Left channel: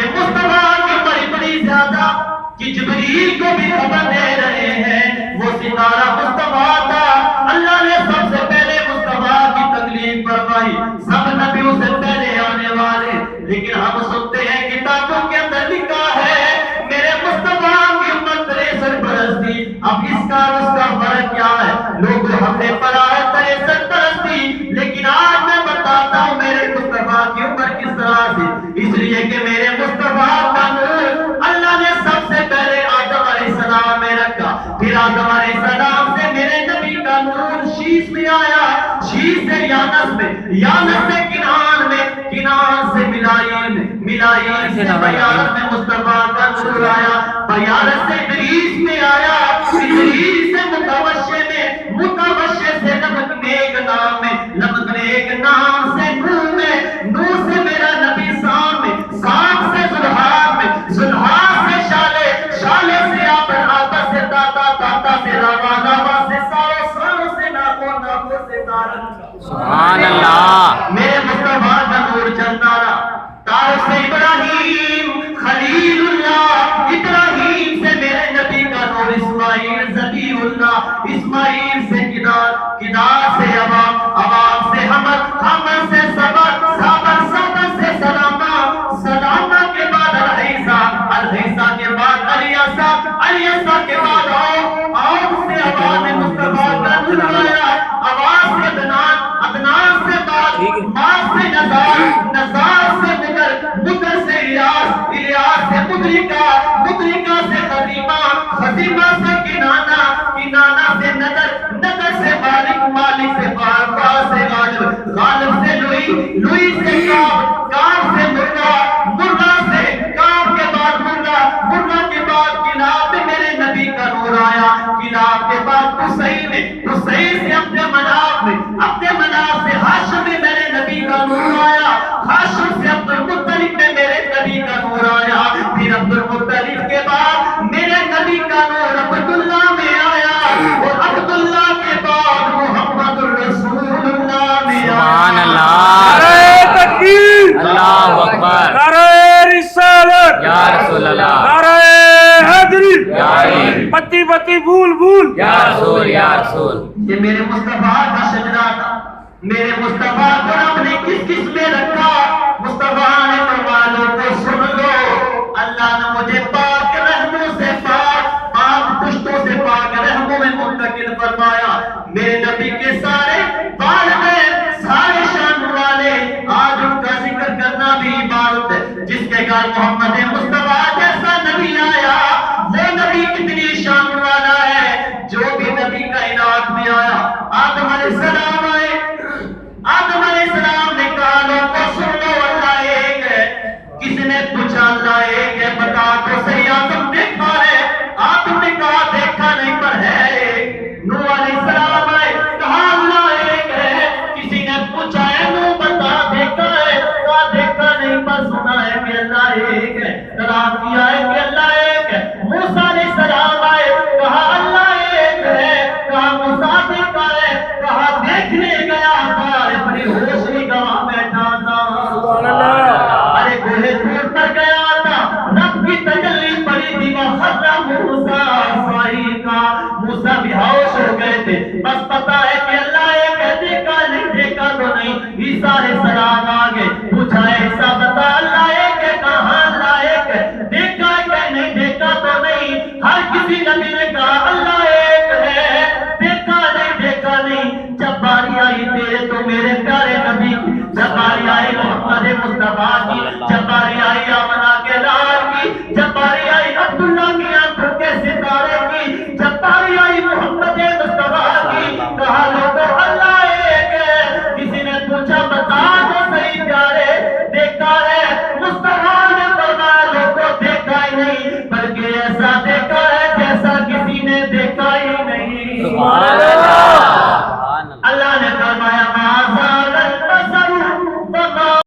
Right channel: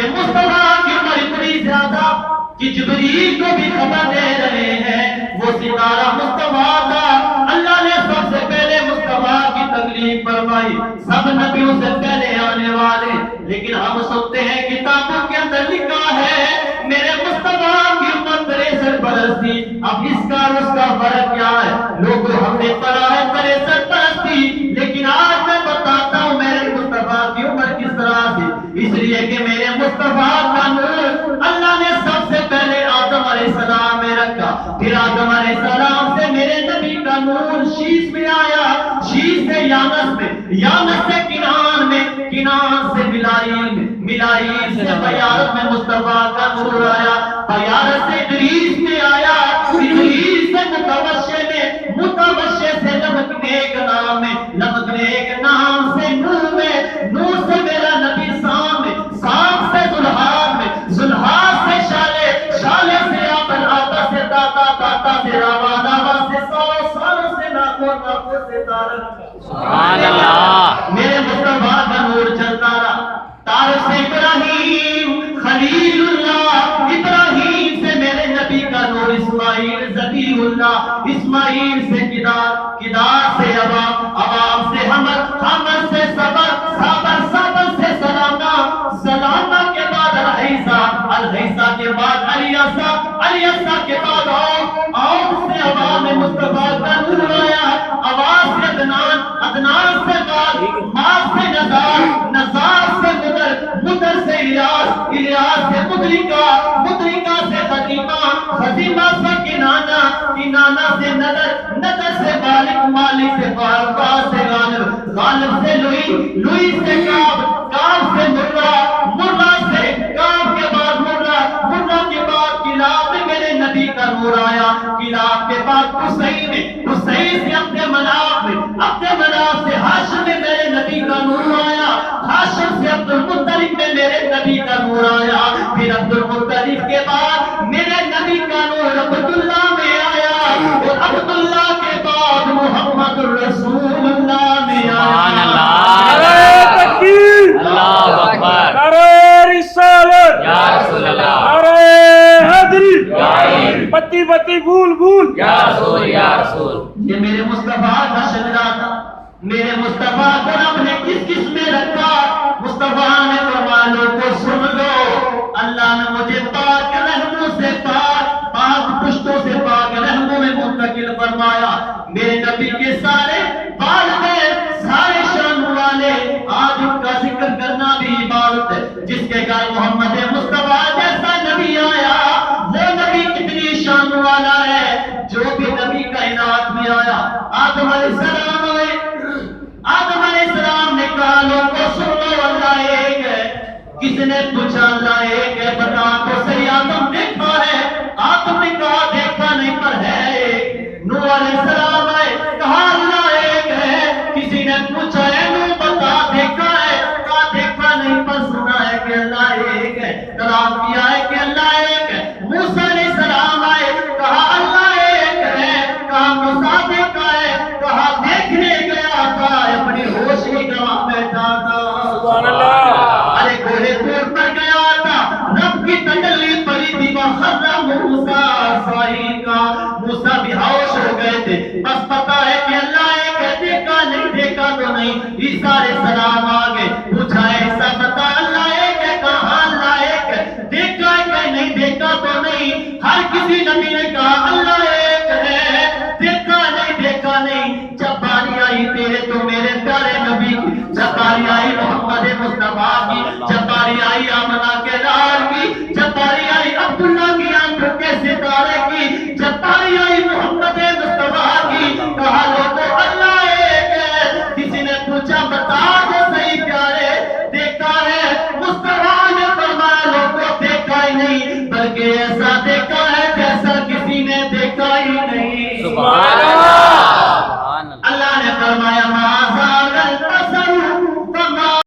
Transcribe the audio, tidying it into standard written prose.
کہ مصطفیٰ کی عمر اتنی زیادہ کہ جبریل کو بھی خبر دے رہے ہیں وہ ستارہ مصطفیٰ تھا. اللہ نے سب سے پہلے مصطفیٰ کی تکلیف فرمائی, سب نبیوں سے پہلے آنے والے, لیکن ہم سنتے ہیں کتابوں کے اندر لکھا ہے میرے مصطفیٰ کی عمر 63 برس تھی. اب اس کا اور اس کا فرق کیا ہے؟ لوگوں ہم نے پڑھا ہے 63 برس تھی, لیکن آج میں بتاتا ہوں میرے مصطفیٰ کی عمر کس طرح تھی. اس لیے کہ میرے مصطفیٰ کا نور اللہ نے سب سے پہلے آدم علیہ السلام میں رکھا, پھر آدم علیہ السلام سے میرے نبی کا نور شیش میں آیا, شیش سے یانس میں, یانس سے کنعان میں, کنعان سے ملائیل, ملائیل سے بیارت میں مصطفیٰ کا نور آیا, بیارت سے ادریس میں آیا, ادریس سے متوشے میں, متوشے سے لمکنے ایک نام میں, لمکنے ایک نام سے نور میں, نور سے میرا نبی سام میں, سام سے زلحاب میں, زلحاب سے شالے, شالے سے آبر, آبر سے داتا, داتا سے راوا, راوا سے سارو, سارو سے ناکو, ناکو سے تارک. سبحان اللہ. میرے مصطفیٰ کا نور چلتا رہا, تارک سے ابراہیم خلیل اللہ, ابراہیم سے میرے نبی کا نور اسماعیل ذبیح اللہ, اسماعیل سے کدار, کدار سے عوام, عوام سے حمد, حمد سے صبر, صبر, صبر سے سلامہ, سلامہ کے بعد الحیسہ, الحیسہ کے بعد علیسہ, علیسہ کے بعد آؤ سے عوام میں مصطفیٰ کا نور آیا, آواز سے عدنان, عدنان سے بعد ماس سے نزار, نزار سے مدر, مدر سے الیاس, الیاس سے مدرکہ, مدرکہ سے خزیمہ, خزیمہ سے کنانہ, کنانہ سے ندر, ندر سے مالک, مالک سے فارفا سے غالب, غالب سے لوئی, لوئی سے کعب, کعب سے مرہ, مرہ سے کعب کے بعد مرہ, مرہ کے بعد کلاب میں میرے نبی کا نور آیا, کلاب کے بعد حسین میں, حسین سے اپنے مناف میں, اپنے مناف سے ہاشم میں میرے نبی کا نور آیا, ہاشم سے عبد المطلب میں میرے نبی کا نور آیا, پھر عبد المطلب کے بعد میرے نبی کا نور عبداللہ میں آیا, اور عبداللہ کے بعد محمد الرسول اللہ میں آیا. سبحان اللہ. اللہ اکبر. نعرہ رسالت یا رسول اللہ. نعرہ حیدری یا علی. بتی بتی بھول بھول یا رسول یا رسول. یہ میرے مصطفیٰ کا شجرہ تھا, میرے مصطفیٰ کو رب نے کس کس میں رکھا, مصطفیٰ نے فرمایا کو سن لو, اللہ نے مجھے پاک رحموں سے پاک, پاک پشتوں سے پاک رحموں میں منتقل فرمایا. میرے نبی کے سارے والدین, سارے شان والے, آج ان کا ذکر کرنا بھی عبادت ہے. جس کے گھر محمد مصطفیٰ جیسا نبی آیا, وہ نبی کتنی شان والا ہے, جو بھی نبی کائنات میں آیا. آدم علیہ السلام آئے, آدم علیہ السلام نے کہا لوگ کو سن لو اللہ ایک ہے. کسی نے پوچھا اللہ ایک ہے بتا تو صحیح, آدم دیکھا ہے, آدم نے کہا دیکھا نہیں پر ہے ایک. نوح علیہ السلام آئے, کہا اللہ ایک ہے. کسی نے پوچھا ہے نوح بتا دیکھا ہے, کہا دیکھا نہیں پر سنا ہے کہ اللہ ایک ہے, طلب کیا ہے کہ اللہ ایک ہے. موسیٰ علیہ السلام آئے, کہا اللہ ایک ہے, کہا موسیٰ دیکھا ہے, کہا دیکھنے گیا تھا, اپنی ہوش نگاہ بیٹھا تھا. سبحان اللہ. ارے گھوڑے دور پر گیا تھا, رب کی تجلی پڑی تھی, وَخَرَّ مُوسَىٰ صَعِقًا, موسیٰ بے ہوش ہو گئے تھے, بس پتہ